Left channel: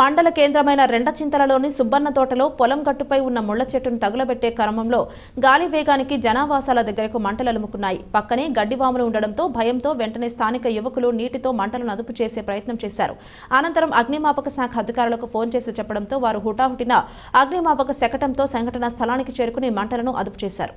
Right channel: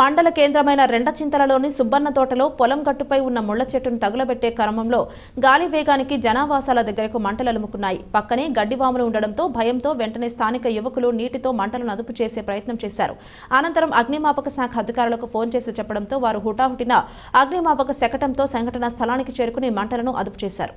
మండల కేంద్రమైన రెండచింతలలోని సుబ్బన్న తోటలో పొలం గట్టుపై ఉన్న ముళ్ల చెట్టును తగులబెట్టే క్రమంలో గాలి వేగానికి జనావాసాల దగ్గరకు మంటలు అలుముకున్నాయి. పక్కనే గడ్డివాములు ఉండడంతో భయంతో వెంటనే స్థానిక యువకులు నీటితో మంటలను అదుపు చేసే ప్రయత్నం చేశారు. అనంతరం అగ్నిమాపక శాఖ అధికారులకు ఫోన్ చేసి చెప్పడంతో వారు హుటాహుటిన అగ్నిమాపక శకటంతో సంఘటనా స్థలానికి చేరుకుని మంటలను అదుపు చేశారు.